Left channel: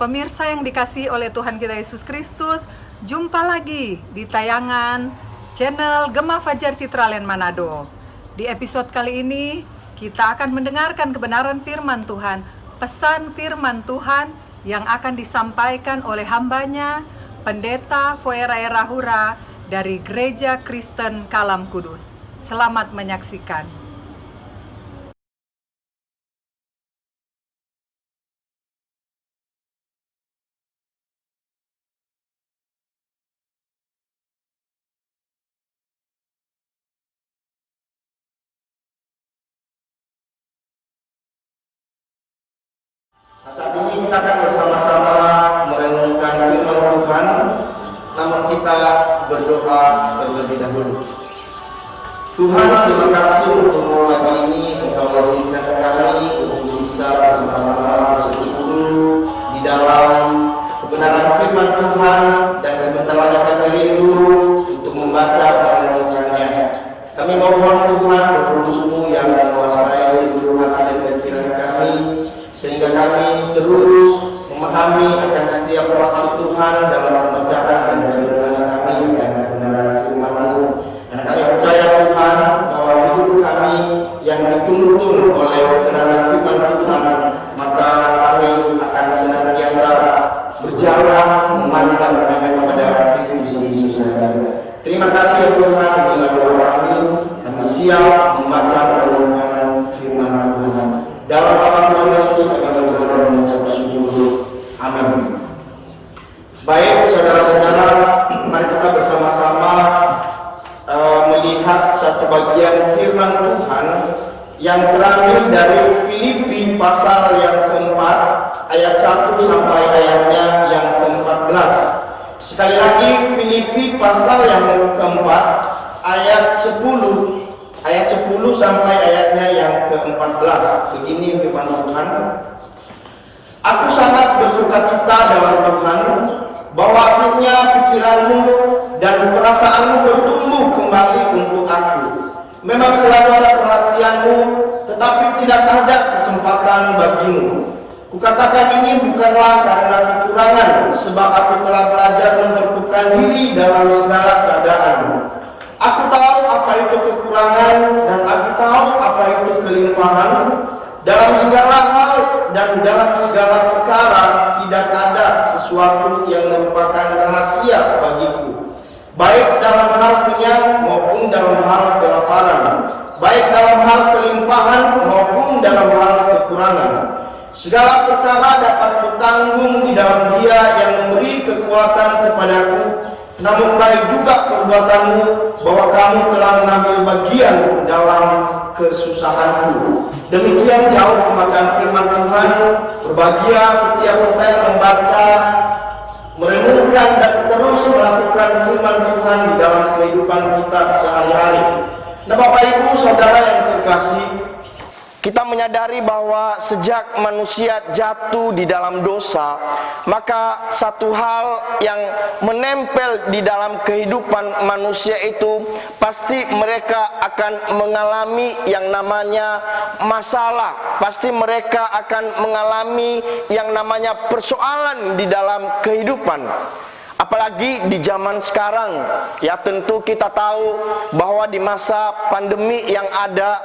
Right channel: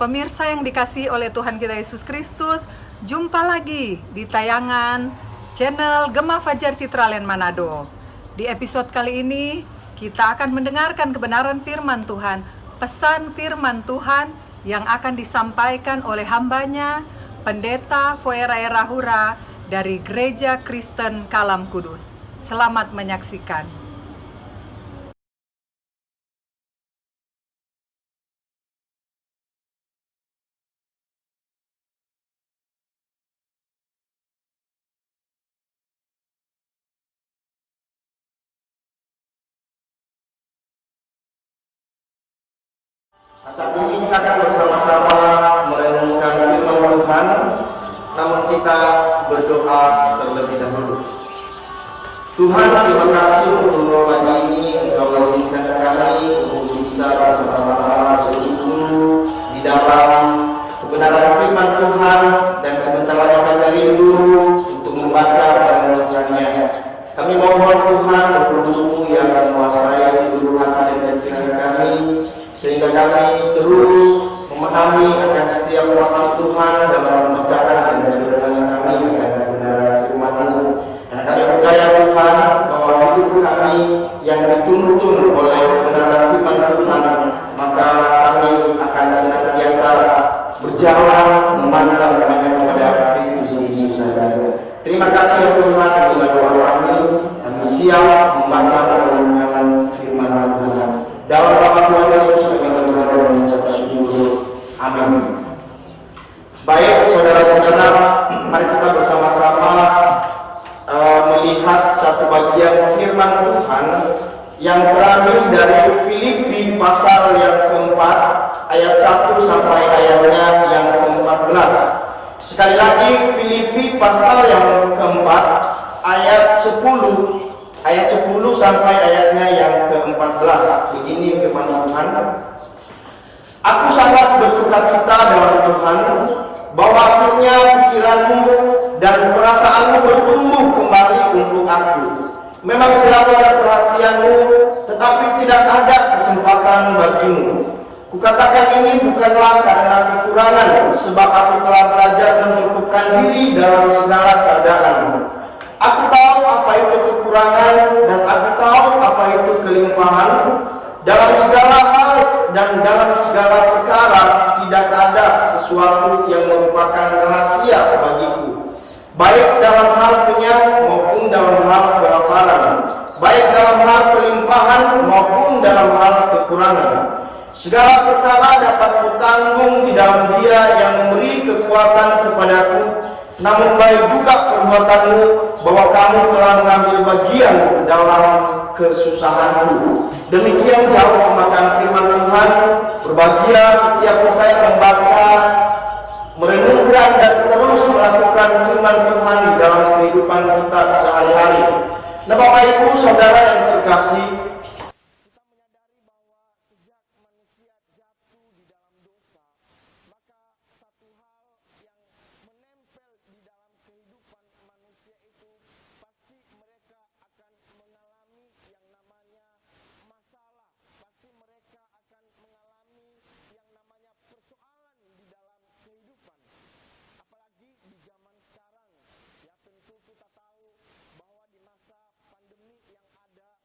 Pemirsa yang dikasihi oleh Tuhan kita Yesus Kristus, jumpa lagi di tayangan channel Gema Fajar Citraland Manado. Di episode kali ini, kita akan mendengarkan kebenaran firman Tuhan, pesan firman Tuhan yang akan disampaikan oleh hambanya, Pendeta Foerae Rahura dari Gereja Kristen Kalam Kudus. Selamat menyaksikan. Nah, saat ini kita akan bersama-sama merenungkan firman Tuhan, namun kita berdoa terlebih dahulu. Tuhan, terima kasih untuk pagi ini Engkau mengizinkan kami untuk bisa bersama-sama bersekutu di dalam kebenaran firman Tuhan, dan sebentar lagi kami rindu untuk membaca merenungkannya. Kami mohon Tuhan, Roh Kudus-Mu yang menguasai seluruh hati dan pikiran kami, sehingga kami terus memahami akan setiap maksud Tuhan dalam pembacaan dan pendengaran kami akan kebenaran firman-Mu. Dan kami percaya Tuhan bahwa hidup kami yang dituntun oleh kebenaran firman Tuhan, maka kami akan senantiasa berjalan memandang hanya kepada Kristus Yesus saja. Terima kasih ya Tuhan, inilah doa kami siap membaca renungan firman Tuhan. Dalam nama Tuhan Yesus kami berdoa dan mengucap syukur. Amin. Baik saudara-saudara, mari kita bersama-sama melihat satu bagian firman Tuhan yang terambil dari Filipi pasal yang keempat ayat 1 sampai ayatnya yang ke-14. Sekali lagi, Filipi pasal yang keempat ayat 10 sampai ayatnya yang ke-14. Begini firman Tuhan: Aku sangat bersukacita dalam Tuhan bahwa akhirnya pikiranmu dan perasaanmu bertumbuh kembali untuk aku. Memang selalu ada perhatianmu, tetapi tidak ada kesempatan bagimu. Kukatakan ini bukanlah karena kekurangan, sebab aku telah belajar mencukupkan diri dalam segala keadaan. Aku tahu apa itu kekurangan dan aku tahu apa itu kelimpahan. Dalam segala hal dan dalam segala perkara tidak ada sesuatu yang merupakan rahasia bagiku, baik dalam hal kenyang maupun dalam hal kelaparan, baik dalam hal kelimpahan maupun dalam hal kekurangan. Segala perkara dapat kutanggung di dalam Dia yang memberi kekuatan kepadaku. Namun baik juga perbuatanmu bahwa kamu telah mengambil bagian dalam kesusahanku. Demikian jauh pembacaan firman Tuhan. Berbahagia setiap kita yang membaca, merenungkan dan terus melakukan firman Tuhan di dalam kehidupan kita sehari-hari. Nah, Bapak Ibu Saudara yang terkasih, kita menyadari bahwa sejak manusia jatuh di dalam dosa, maka satu hal yang menempel di dalam kehidupan manusia itu pasti mereka akan mengalami yang namanya masalah. Pasti mereka akan mengalami yang namanya persoalan di dalam kehidupan. Apalagi di zaman sekarang, ya tentu kita tahu bahwa di masa pandemi yang ada,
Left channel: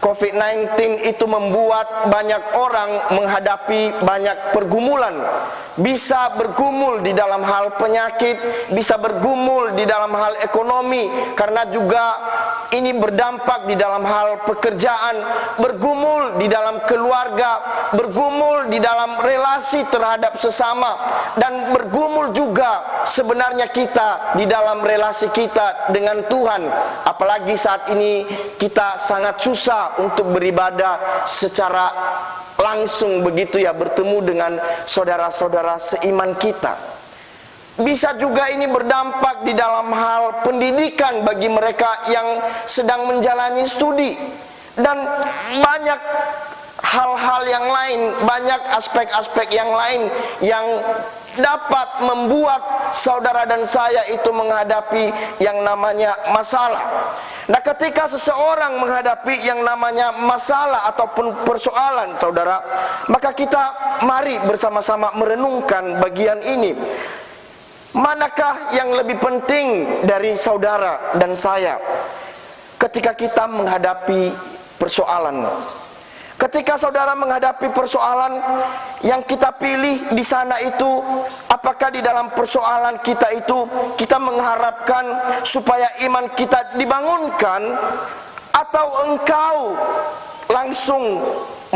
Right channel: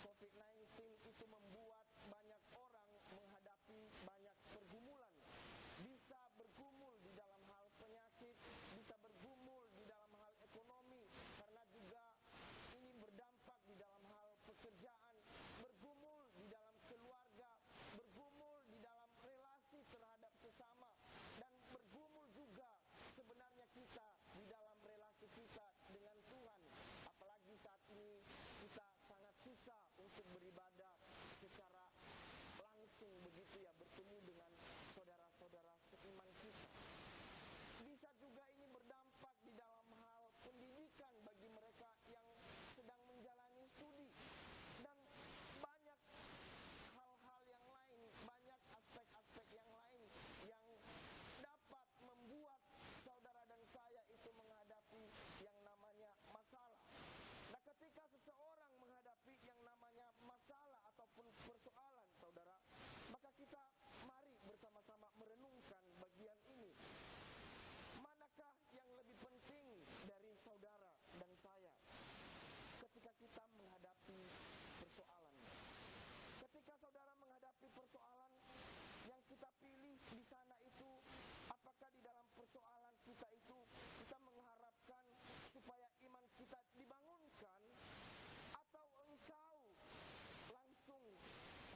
COVID-19 itu membuat banyak orang menghadapi banyak pergumulan. Bisa bergumul di dalam hal penyakit, bisa bergumul di dalam hal ekonomi, karena juga ini berdampak di dalam hal pekerjaan, bergumul di dalam keluarga, bergumul di dalam relasi terhadap sesama, dan bergumul juga sebenarnya kita di dalam relasi kita dengan Tuhan. Apalagi saat ini kita sangat susah untuk beribadah secara langsung begitu ya, bertemu dengan saudara-saudara seiman kita. Bisa juga ini berdampak di dalam hal pendidikan bagi mereka yang sedang menjalani studi, dan banyak hal-hal yang lain, banyak aspek-aspek yang lain yang dapat membuat saudara dan saya itu menghadapi yang namanya masalah. Nah, ketika seseorang menghadapi yang namanya masalah ataupun persoalan, saudara, maka kita mari bersama-sama merenungkan bagian ini. Manakah yang lebih penting dari saudara dan saya ketika kita menghadapi persoalan? Ketika saudara menghadapi persoalan, yang kita pilih di sana itu, apakah di dalam persoalan kita itu kita mengharapkan supaya iman kita dibangunkan, atau engkau langsung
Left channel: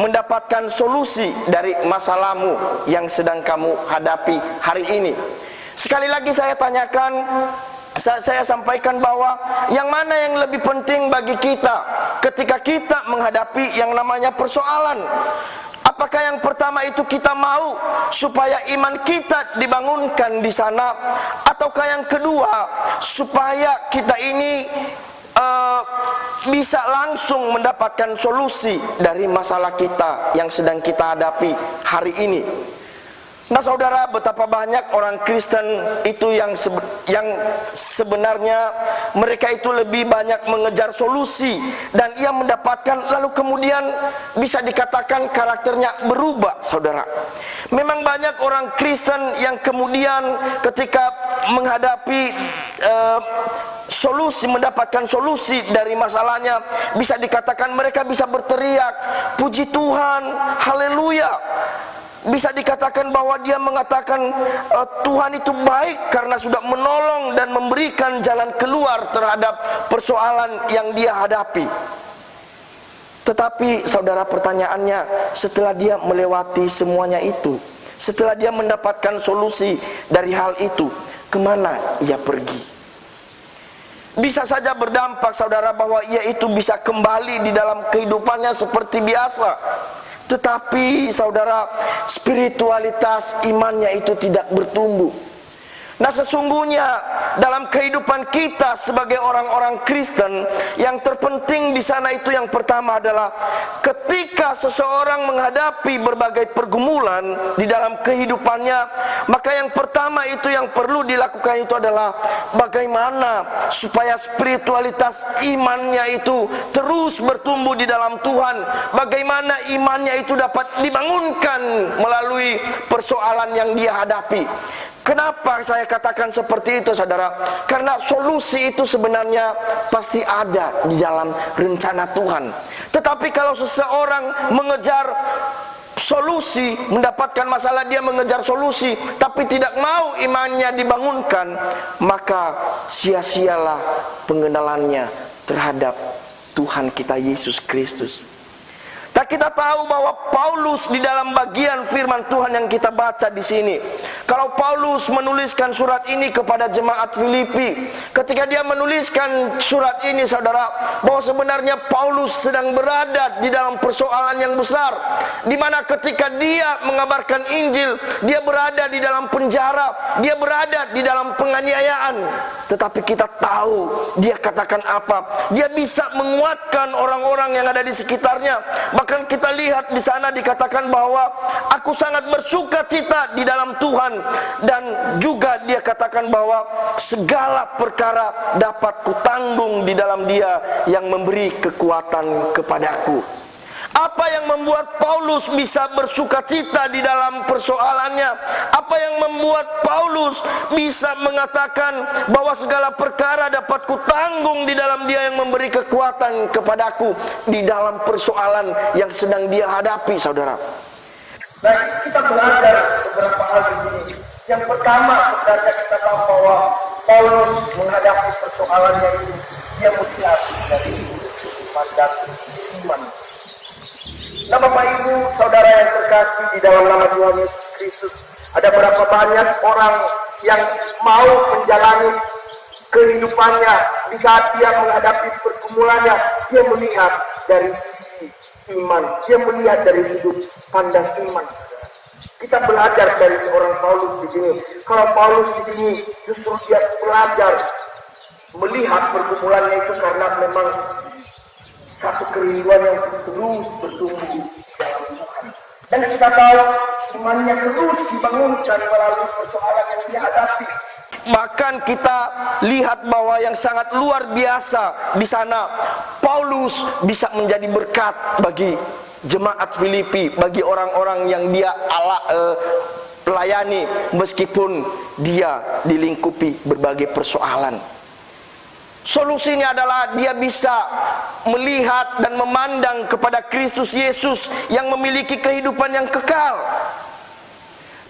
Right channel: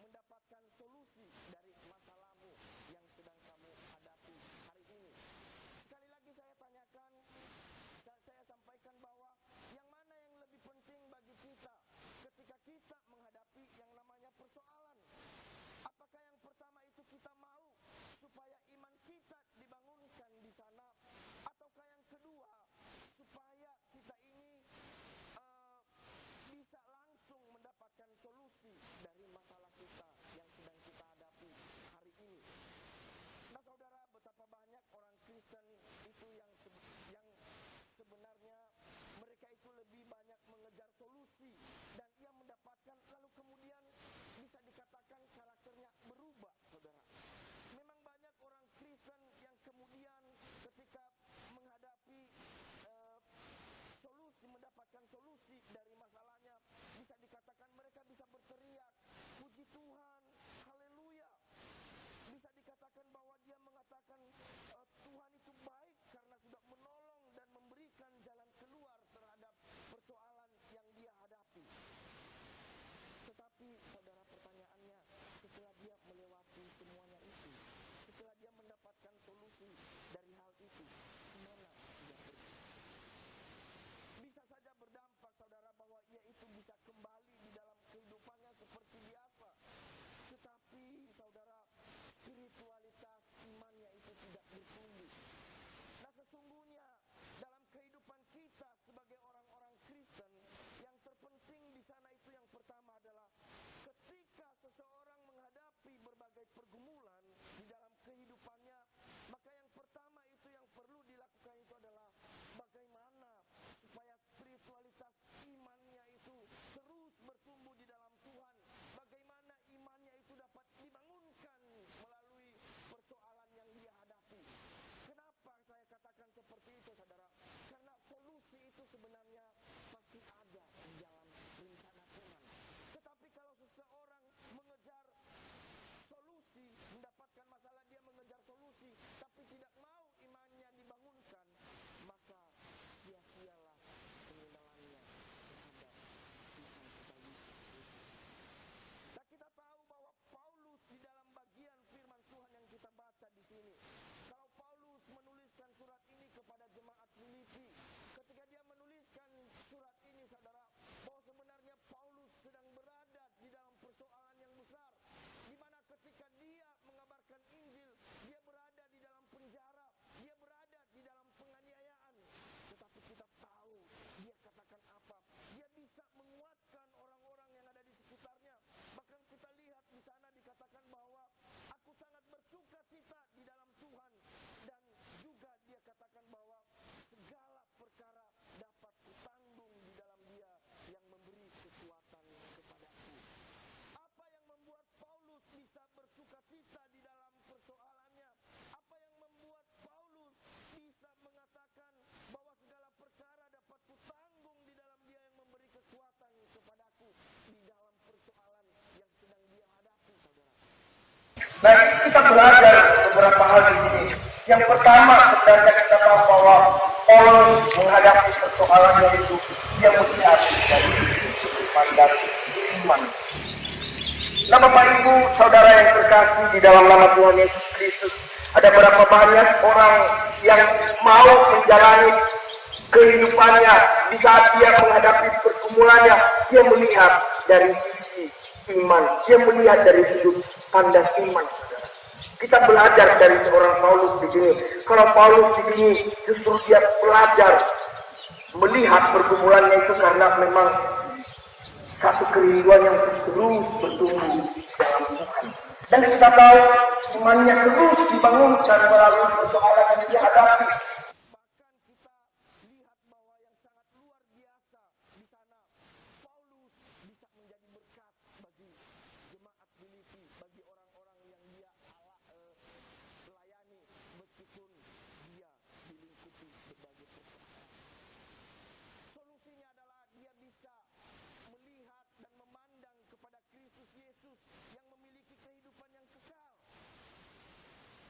mendapatkan solusi dari masalahmu yang sedang kamu hadapi hari ini? Sekali lagi saya tanyakan, saya sampaikan bahwa yang mana yang lebih penting bagi kita ketika kita menghadapi yang namanya persoalan? Apakah yang pertama itu kita mau supaya iman kita dibangunkan di sana, ataukah yang kedua supaya kita ini bisa langsung mendapatkan solusi dari masalah kita yang sedang kita hadapi hari ini? Nah, saudara, betapa banyak orang Kristen itu yang sebenarnya mereka itu lebih banyak mengejar solusi, dan ia mendapatkan, lalu kemudian bisa dikatakan karakternya berubah, saudara. Memang banyak orang Kristen yang kemudian ketika menghadapi mendapatkan solusi dari masalahnya, bisa dikatakan mereka bisa berteriak, puji Tuhan, haleluya. Bisa dikatakan bahwa dia mengatakan Tuhan itu baik karena sudah menolong dan memberikan jalan keluar terhadap persoalan yang dia hadapi. Tetapi saudara, pertanyaannya, setelah dia melewati semuanya itu, setelah dia mendapatkan solusi dari hal itu, kemana ia pergi? Bisa saja berdampak, saudara, bahwa ia itu bisa kembali di dalam kehidupannya seperti biasa. Tetapi saudara, spiritualitas imannya itu tidak bertumbuh. Nah, sesungguhnya dalam kehidupan kita sebagai orang-orang Kristen, yang terpenting di sana itu yang pertama adalah ketika seseorang menghadapi berbagai pergumulan di dalam kehidupannya, maka yang pertama itu yang perlu dilakukan itu adalah bagaimana supaya spiritualitas imannya itu terus bertumbuh di dalam Tuhan. Bagaimana imannya itu dapat dibangunkan melalui persoalan yang dia hadapi. Kenapa saya katakan seperti itu, saudara? Karena solusi itu sebenarnya pasti ada di dalam rencana Tuhan. Tetapi kalau seseorang mengejar solusi, mendapatkan masalah, dia mengejar solusi, tapi tidak mau imannya dibangunkan, maka sia-sialah pengenalannya terhadap Tuhan kita Yesus Kristus. Nah, kita tahu bahwa Paulus di dalam bagian firman Tuhan yang kita baca di sini, kalau Paulus menuliskan surat ini kepada jemaat Filipi, ketika dia menuliskan surat ini, saudara, bahwa sebenarnya Paulus sedang berada di dalam persoalan yang besar, di mana ketika dia mengabarkan Injil, dia berada di dalam penjara, dia berada di dalam penganiayaan. Tetapi kita tahu dia katakan apa? Dia bisa menguatkan orang-orang yang ada di sekitarnya. Bahkan kita lihat di sana dikatakan bahwa aku sangat bersuka cita di dalam Tuhan, dan juga dia katakan bahwa segala perkara dapat kutanggung di dalam Dia yang memberi kekuatan kepadaku. Apa yang membuat Paulus bisa bersuka cita di dalam persoalannya? Apa yang membuat Paulus bisa mengatakan bahwa segala perkara dapat kutanggung di dalam Dia yang memberi kekuatan kepadaku di dalam persoalan yang sedang dia hadapi, saudara? Dan kita belajar beberapa hal di sini. Yang pertama, sebenarnya kita tahu bahwa Paulus menghadapi persoalannya itu, dia melihat dari pandang iman. Nah, Bapak Ibu, saudara yang terkasih di dalam nama Tuhan Yesus Kristus, ada berapa banyak orang yang mau menjalani kehidupannya di saat dia menghadapi pergumulannya, dia melihat dari sisi iman, dia melihat dari sudut pandang iman, saudara. Kita belajar dari seorang Paulus di sini. Kalau Paulus di sini justru dia belajar melihat pergumulannya itu karena memang satu kerinduan yang terus bertumbuh dalam Tuhan. Dan kita tahu imannya terus dibangunkan melalui persoalan yang dihadapi. Bahkan kita lihat bahwa yang sangat luar biasa di sana, Paulus bisa menjadi berkat bagi jemaat Filipi, bagi orang-orang yang dia layani, meskipun dia dilingkupi berbagai persoalan. Solusinya adalah dia bisa melihat dan memandang kepada Kristus Yesus yang memiliki kehidupan yang kekal.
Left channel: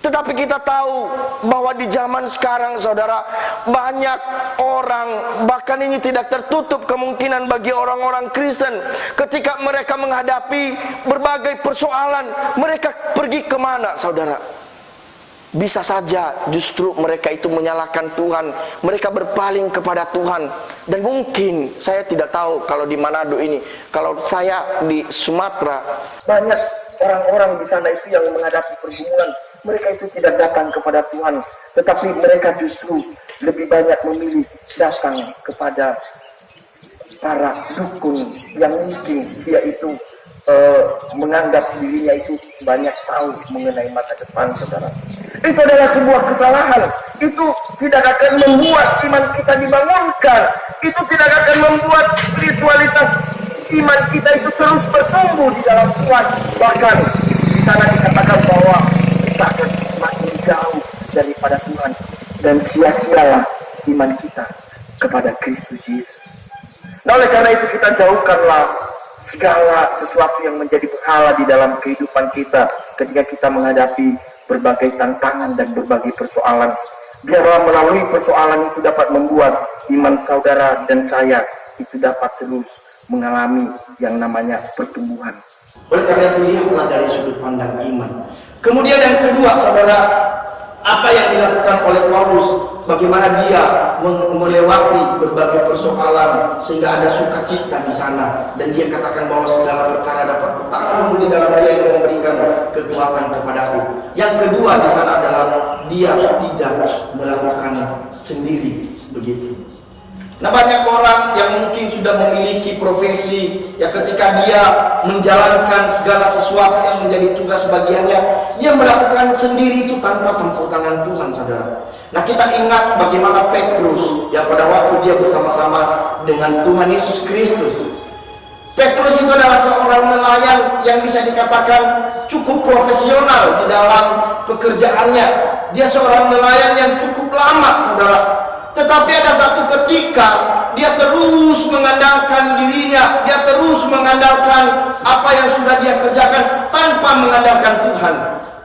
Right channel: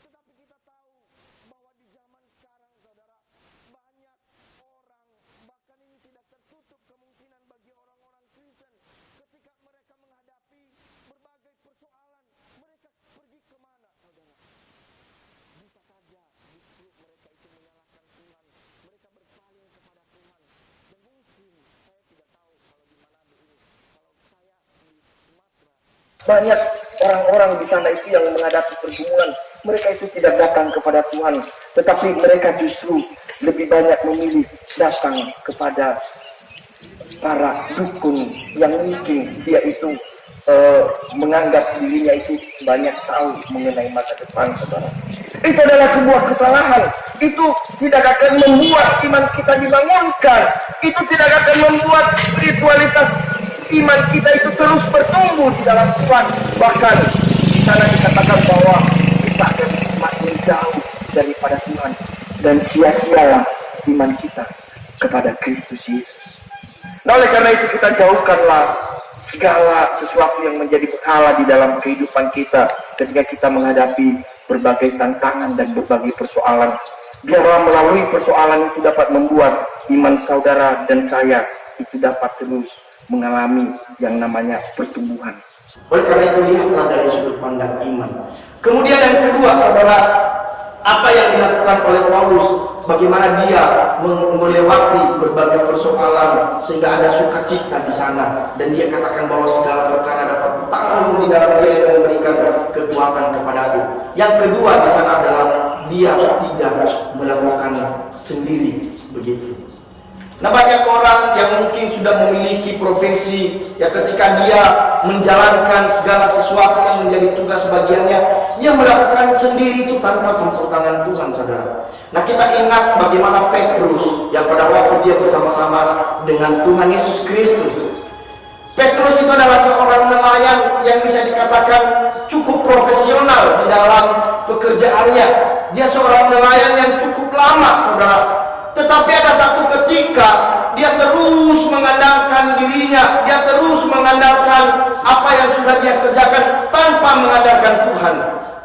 Tetapi kita tahu bahwa di zaman sekarang, saudara, banyak orang, bahkan ini tidak tertutup kemungkinan bagi orang-orang Kristen, ketika mereka menghadapi berbagai persoalan, mereka pergi kemana, saudara? Bisa saja justru mereka itu menyalahkan Tuhan, mereka berpaling kepada Tuhan. Dan mungkin, saya tidak tahu kalau di Manado ini, kalau saya di Sumatera, banyak orang-orang di sana itu yang menghadapi pergumulan. Mereka itu tidak datang kepada Tuhan, tetapi mereka justru lebih banyak memilih datang kepada para dukun yang mungkin dia itu menganggap dirinya itu banyak tahu mengenai masa depan, saudara. Itu adalah sebuah kesalahan. Itu tidak akan membuat iman kita dibangunkan. Itu tidak akan membuat spiritualitas iman kita itu terus bertumbuh di dalam Tuhan. Bahkan di sana dikatakan bahwa kita akan semakin jauh daripada Tuhan, dan sia-sialah iman kita kepada Kristus Yesus. Nah, oleh karena itu kita jauhkanlah segala sesuatu yang menjadi berhala di dalam kehidupan kita ketika kita menghadapi berbagai tantangan dan berbagai persoalan. Biarlah melalui persoalan itu dapat membuat iman saudara dan saya itu dapat terus mengalami yang namanya pertumbuhan. Oleh karena itu, lihatlah dari sudut pandang iman. Kemudian yang kedua, saudara, apa yang dilakukan oleh Paulus, bagaimana dia melewati berbagai persoalan sehingga ada sukacita di sana, dan dia katakan bahwa segala perkara dapat ditanggung di dalam Dia yang memberikan kekuatan kepadaku. Yang kedua di sana adalah dia tidak melakukan sendiri begitu. Nah, banyak orang yang mungkin sudah memiliki profesi, ya ketika dia menjalankan segala sesuatu yang menjadi tugas bagiannya, dia melakukan sendiri itu tanpa campur tangan Tuhan, saudara. Nah, kita ingat bagaimana Petrus, ya pada waktu dia bersama-sama dengan Tuhan Yesus Kristus. Petrus itu adalah seorang nelayan yang bisa dikatakan cukup profesional di dalam pekerjaannya. Dia seorang nelayan yang cukup lama, saudara. Tetapi ada satu ketika dia terus mengandalkan dirinya, dia terus mengandalkan apa yang sudah dia kerjakan tanpa mengandalkan Tuhan.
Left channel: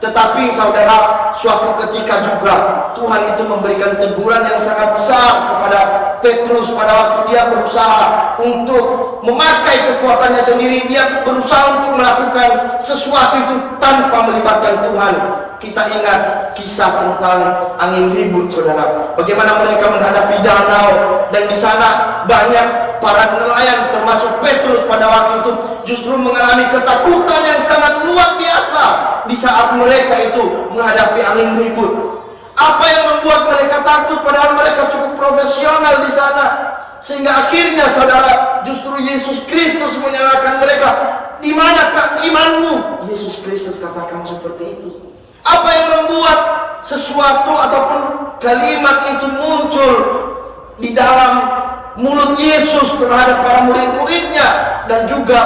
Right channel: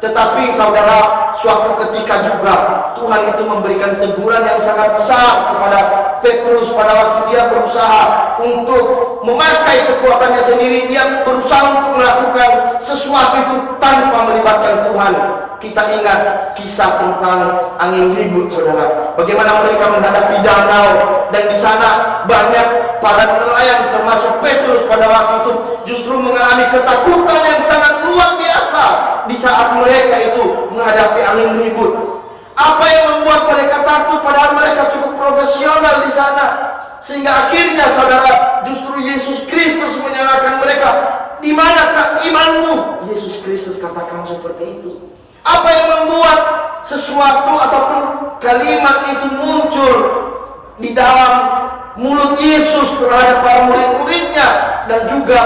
Tetapi saudara, suatu ketika juga Tuhan itu memberikan teguran yang sangat besar kepada Petrus pada waktu dia berusaha untuk memakai kekuatannya sendiri. Dia berusaha untuk melakukan sesuatu itu tanpa melibatkan Tuhan. Kita ingat kisah tentang angin ribut, saudara. Bagaimana mereka menghadapi danau, dan di sana banyak para nelayan termasuk Petrus pada waktu itu justru mengalami ketakutan yang sangat luar biasa di saat mereka itu menghadapi angin ribut. Apa yang membuat mereka takut padahal mereka cukup profesional di sana? Sehingga akhirnya, saudara, justru Yesus Kristus menyalahkan mereka. Di manakah imanmu? Yesus Kristus katakan seperti itu. Apa yang membuat sesuatu ataupun kalimat itu muncul di dalam mulut Yesus terhadap para murid-muridnya dan juga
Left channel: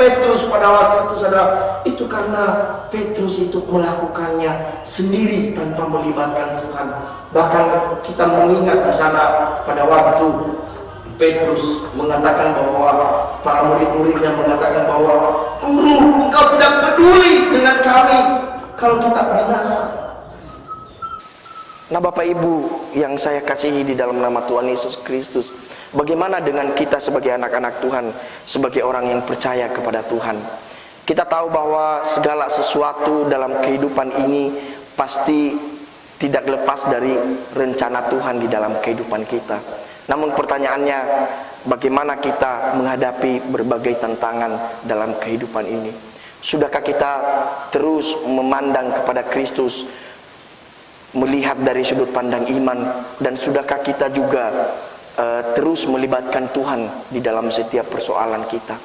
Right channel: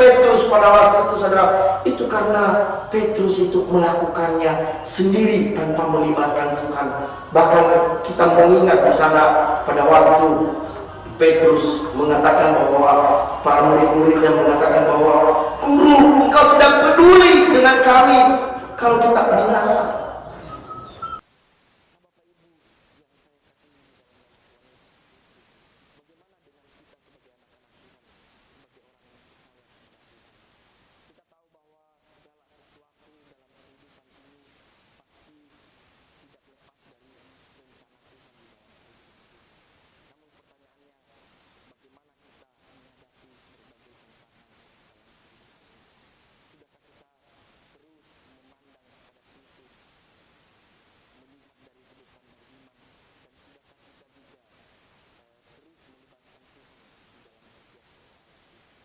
Petrus pada waktu itu, saudara? Itu karena Petrus itu melakukannya sendiri tanpa melibatkan Tuhan. Bahkan kita mengingat di sana pada waktu Petrus mengatakan bahwa para murid-muridnya mengatakan bahwa, "Guru, engkau tidak peduli dengan kami kalau kita binasa." Nah, Bapak Ibu yang saya kasihi di dalam nama Tuhan Yesus Kristus, bagaimana dengan kita sebagai anak-anak Tuhan, sebagai orang yang percaya kepada Tuhan? Kita tahu bahwa segala sesuatu dalam kehidupan ini pasti tidak lepas dari rencana Tuhan di dalam kehidupan kita. Namun pertanyaannya, bagaimana kita menghadapi berbagai tantangan dalam kehidupan ini? Sudahkah kita terus memandang kepada Kristus, melihat dari sudut pandang iman, dan sudahkah kita juga terus melibatkan Tuhan di dalam setiap persoalan kita?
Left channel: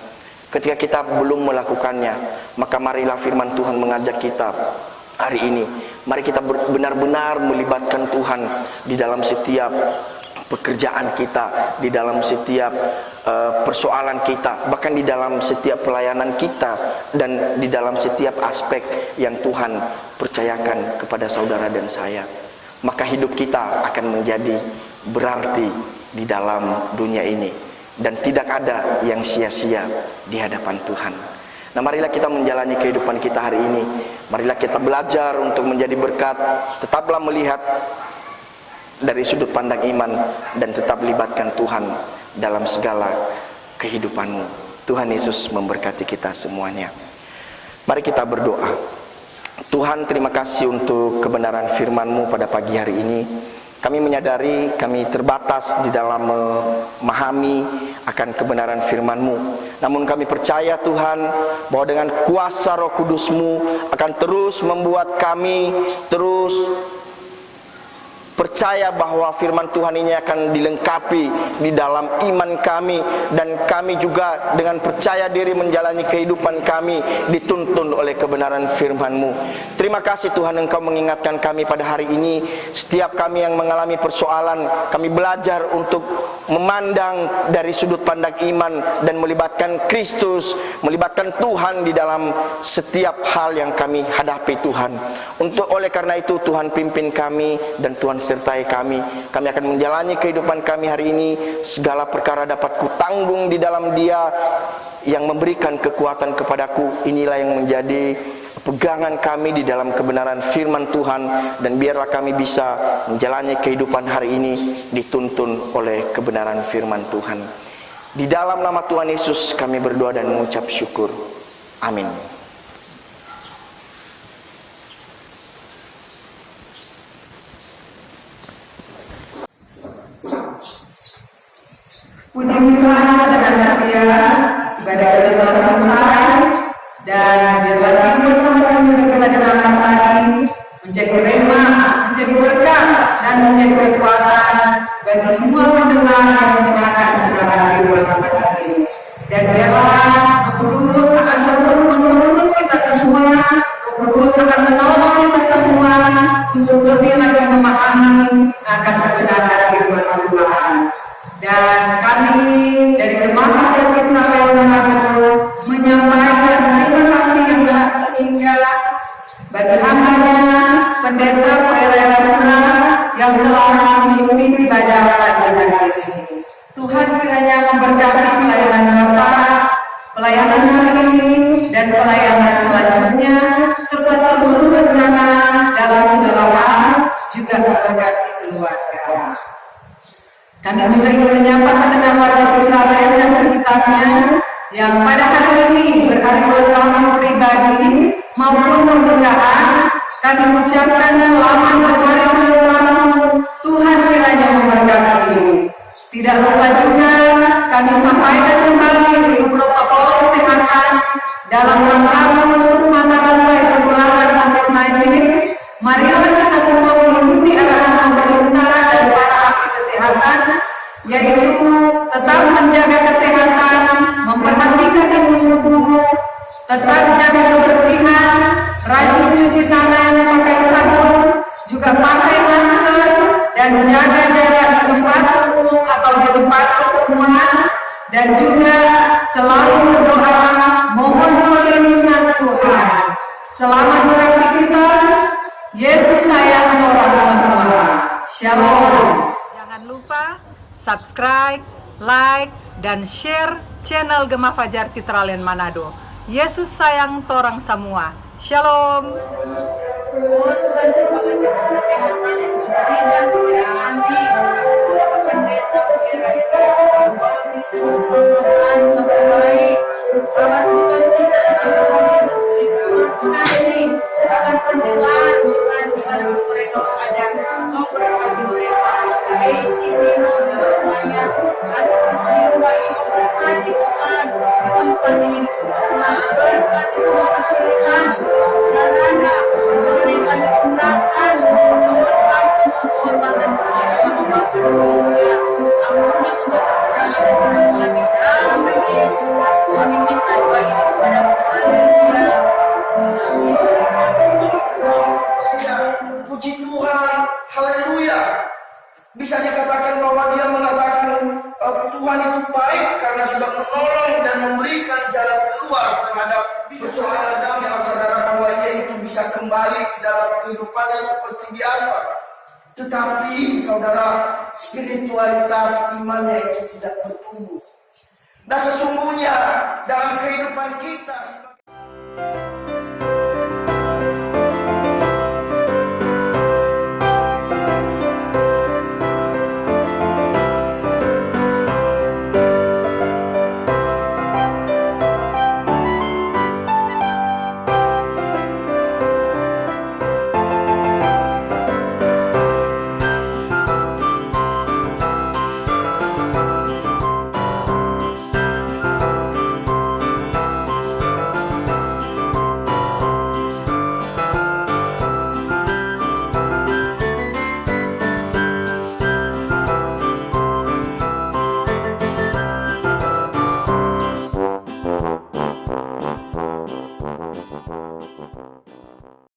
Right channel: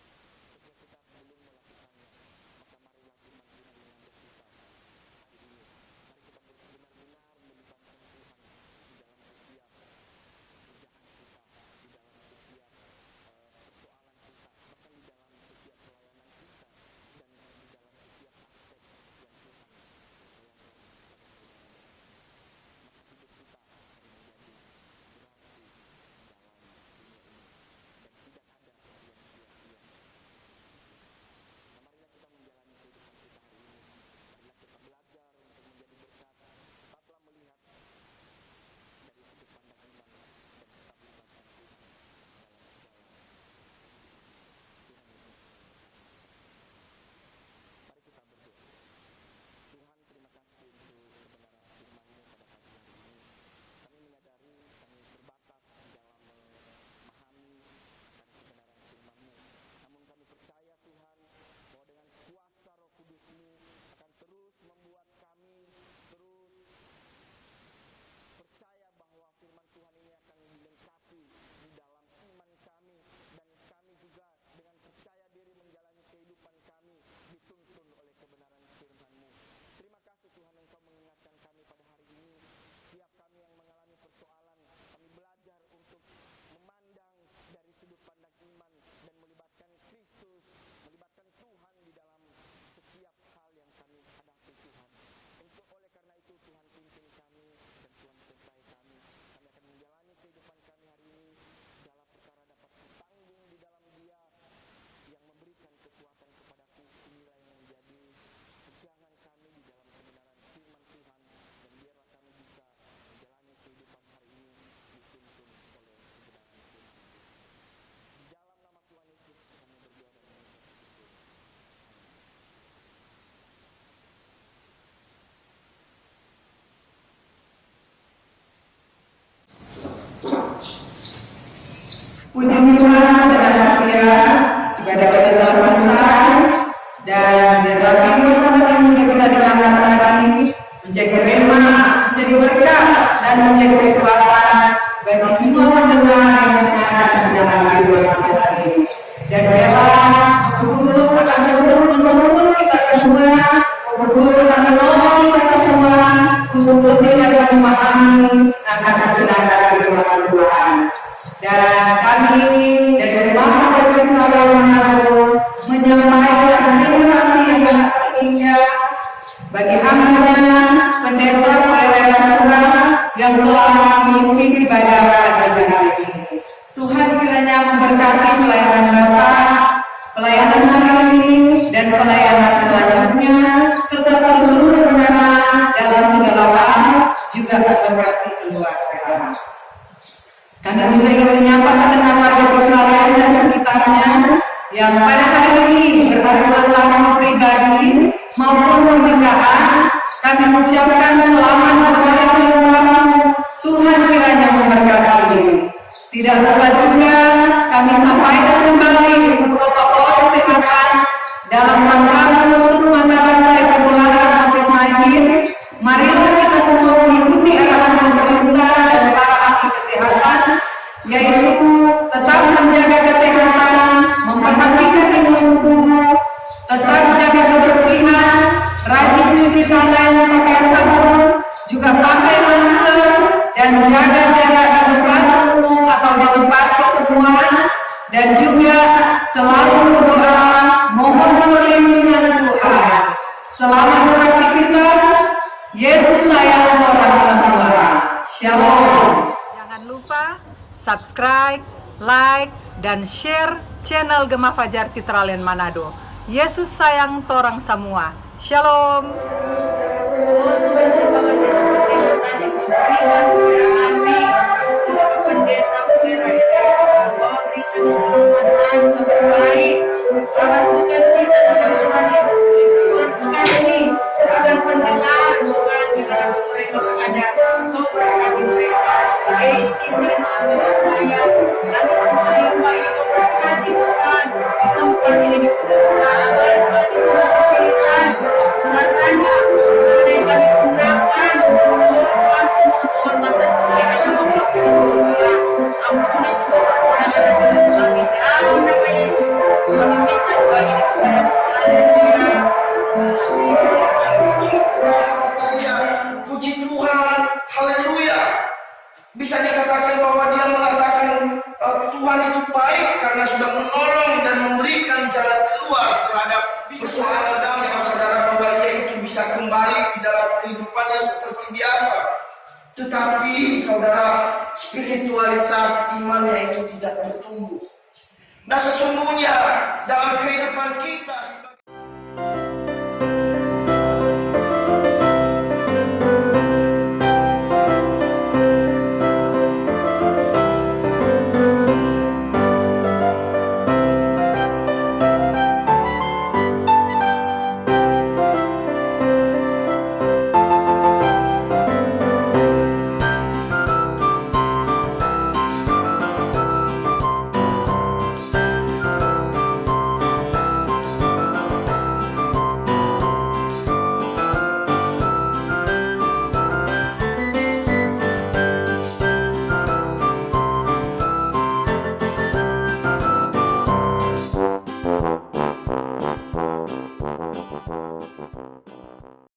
Ketika kita belum melakukannya, maka marilah firman Tuhan mengajak kita hari ini. Mari kita benar-benar melibatkan Tuhan di dalam setiap pekerjaan kita, di dalam setiap persoalan kita, bahkan di dalam setiap pelayanan kita, dan di dalam setiap aspek yang Tuhan percayakan kepada saudara dan saya. Maka hidup kita akan menjadi berarti di dalam dunia ini, dan tidak ada yang sia-sia di hadapan Tuhan. Nah, marilah kita menjalani kehidupan kita hari ini. Marilah kita belajar untuk menjadi berkat. Tetaplah melihat dari sudut pandang iman, dan tetap libatkan Tuhan dalam segala kehidupanmu. Tuhan Yesus memberkati kita semuanya. Mari kita berdoa. Tuhan, terima kasih untuk kebenaran firman-Mu pada pagi hari ini. Kami menyadari kami terbatas di dalam memahami akan kebenaran firman-Mu. Namun kami percaya Tuhan bahwa dengan kuasa Roh Kudus-Mu akan terus membuat kami terus percaya bahwa firman Tuhan ini akan dilengkapi di dalam iman kami, dan kami juga dengan percaya diri menjalani kehidupan kami dituntun oleh kebenaran firman-Mu. Terima kasih Tuhan, Engkau mengingatkan kami pada hari ini. Setiap kami yang mengalami persoalan, kami belajar untuk memandang dari sudut pandang iman dan melibatkan Kristus, melibatkan Tuhan di dalam setiap hal yang kami hadapi Tuhan. Oleh karena itu Tuhan pimpin kami dan Tuhan sertai kami. Kami akan menjalani kehidupan kami hari ini. Segala perkara dapat kutanggung di dalam Dia yang memberikan kekuatan kepadaku. Inilah yang menjadi pegangan kami di dalam kebenaran firman Tuhan, dan biarlah kami bisa menjalani kehidupan hari ini dituntun oleh kebenaran firman Tuhan. Di dalam nama Tuhan Yesus kami berdoa dan mengucap syukur. Amin. Puji Tuhan, dengan setia ibadah kita telah selesai, dan biarlah firman Tuhan yang sudah kita dengarkan tadi menjadi rema, menjadi berkat, dan menjadi kekuatan bagi semua pendengar yang mendengarkan kebenaran firman Tuhan ini. Dan biarlah Roh Kudus akan terus menuntun kita semua, Roh Kudus akan menolong kita semua untuk lebih lagi memahami akan kebenaran firman Tuhan. Dan kami dari Gemah Fajar Citralen Manado menyampaikan terima kasih yang tak terhingga bagi hamba-Nya Pendeta Poerela Pura yang telah memimpin ibadah pagi hari ini. Tuhan kiranya memberkati pelayanan Bapak, pelayanan hari ini, dan pelayanan selanjutnya, serta seluruh rencana dalam segala hal, juga memberkati keluarga. Kami juga ingin menyapa pendengar warga Citralen dan sekitarnya yang pada hari ini berhari ulang tahun pribadi maupun pernikahan. Kami ucapkan selamat berhari ulang tahun. Tuhan kiranya memberkati. Tidak lupa juga kami sampaikan kembali protokol kesehatan dalam rangka memutus mata rantai penularan COVID-19. Marilah kita semua mengikuti arahan pemerintah dan para ahli kesehatan, yaitu tetap menjaga kesehatan, memperhatikan imun tubuh, tetap jaga kebersihan, rajin cuci tangan, pakai sabun, juga pakai masker, dan jaga jarak di tempat umum atau di tempat pertemuan, dan juga selalu berdoa mohon perlindungan Tuhan. Selamat beraktivitas. Yesus sayang orang semua. Shalom. Jangan lupa subscribe, like, dan share channel Gemah Fajar Citralen Manado. Yesus sayang torang semua. Shalom. Tuhan terima kasih atas kesehatan yang kami dan kami pendeta berikan keselamatan sampai baik, kabar sukacita dalam Tuhan Yesus Kristus. Tuhan ini akan pendengar Tuhan di mana mereka ada, kau berkati mereka. Isi Tuhan saya kami semua yang baik, kau berkati Tuhan di tempat ini secara berkati semua fasilitas sarana bisa mereka digunakan Bisa dikatakan bahwa dia mengatakan Tuhan itu baik karena sudah menolong dan memberikan jalan keluar terhadap persoalan damai saudara, bahwa ia itu bisa kembali di dalam kehidupannya seperti biasa. Tetapi saudara, spiritualitas imannya itu tidak bertumbuh. Nah, sesungguhnya dalam kehidupan kita